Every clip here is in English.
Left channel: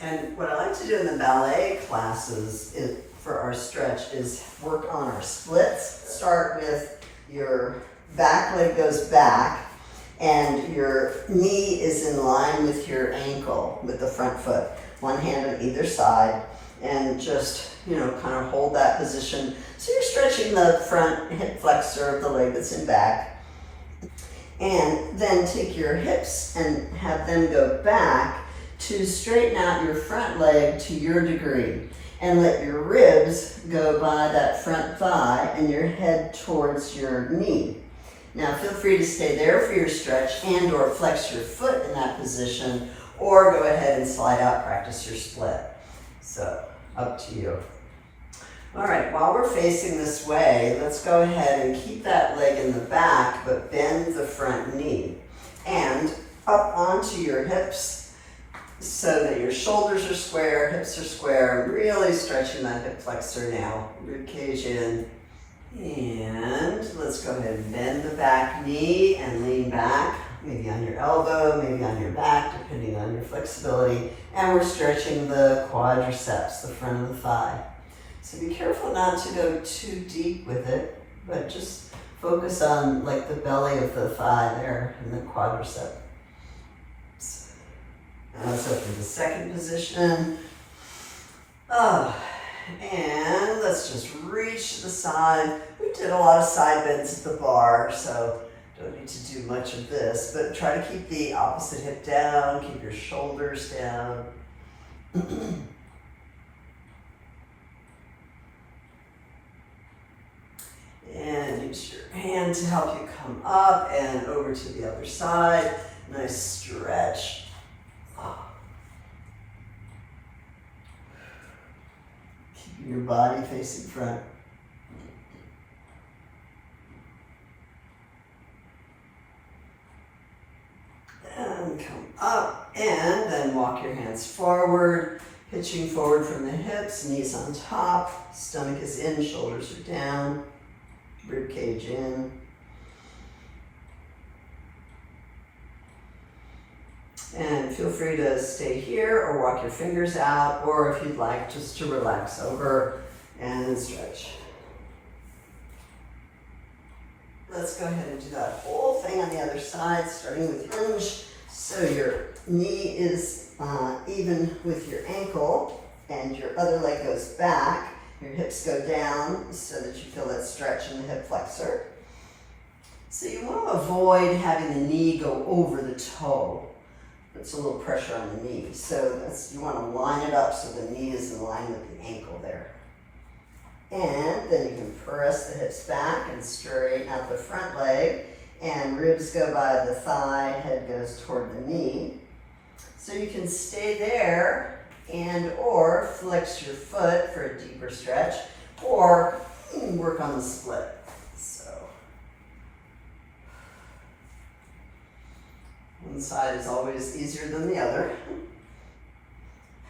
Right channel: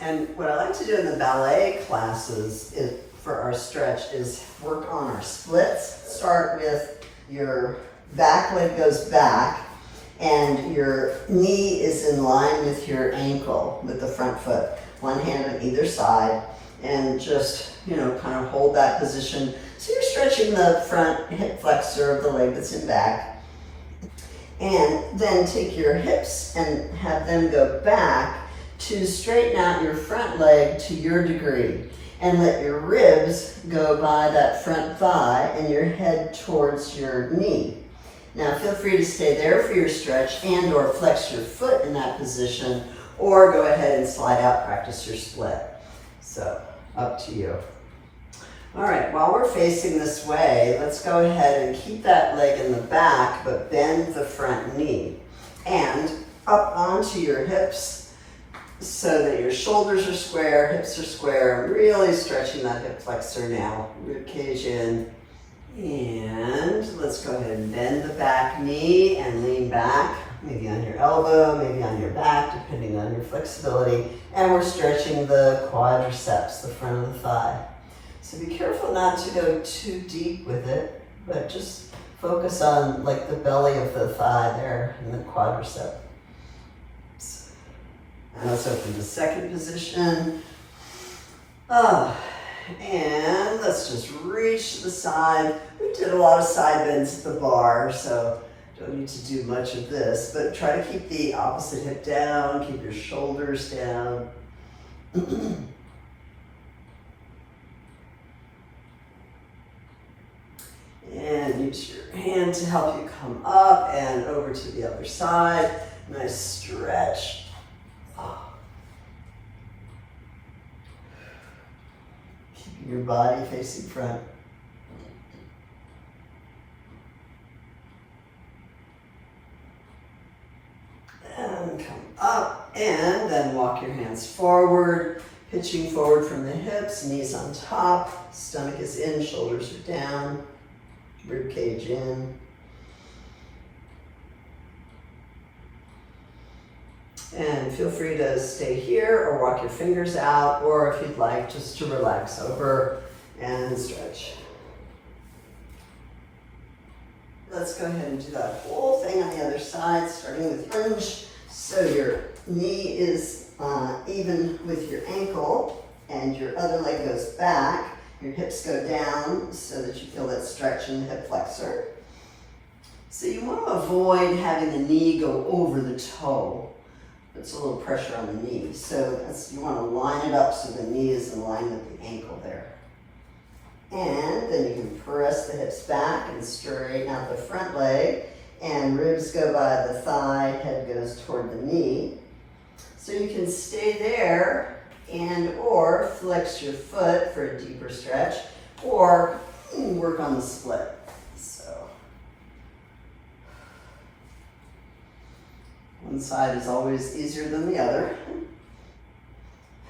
And what I like to do in the ballet classes for our stretch is work on our splits. Start with your back leg goes back and your knee is in line with your ankle with the front foot. One hand on either side, and just, kind of hold that position. So you're stretching the front hip flexor of the leg that's in back. And then take your hips and have them go back to straighten out your front leg to your degree. And let your ribs go by that front thigh and your head towards your knee. Now feel free to stay there for your stretch and or flex your foot in that position, or go ahead and slide out, practice your split. So up to you. All right, while we're facing this way, let's go ahead and keep that leg in the back, but bend the front knee. And up onto your hips so that your shoulders are square, hips are square, really stretching that hip flexor now. Rib cage in. And let's go ahead and bend the back knee and lean back, maybe on your elbow, maybe on your back, depending on your flexibility. And we're stretching the quadriceps, the front of the thigh. So be careful not to go too deep with it, but just focus on like the belly of the thigh there and the quadricep. And let's open the second position. And let's just reach to the side. We did a lot of side bends at the bar, so don't need to do much of this, but try to keep the opposite hip down, keep your shoulders down. And use your hand to help you come up and over to the other side. Nice stretch. Keeping your body facing front. And come up, and then walk your hands forward, pitching forward from the hips, knees on top, stomach is in, shoulders are down, rib cage in. And feel free to stay here or walk your fingers out, or if you'd like, just to relax over and stretch. Let's go ahead and do that whole thing on the other side, starting with hinge. So your knee is even with your ankle, and your other leg goes back. Your hips go down so that you feel that stretch in the hip flexor. So you want to avoid having the knee go over the toe. Puts a little pressure on the knee. So you want to line it up so the knee is in line with the ankle there. And then you can press the hips back and straighten out the front leg. And ribs go by the thigh, head goes toward the knee. So you can stay there and or flex your foot for a deeper stretch, or work on the split. So one side is always easier than the other.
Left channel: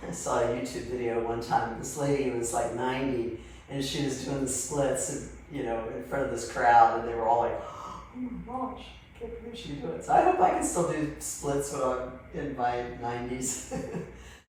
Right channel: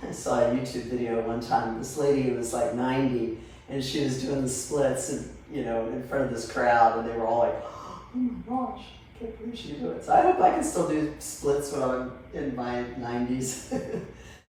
I saw a YouTube video one time. This lady was like 90, and she was doing the splits, in front of this crowd, and they were all like, "Oh my gosh, I can't believe she did it." So I hope I can still do splits when I'm in my 90s.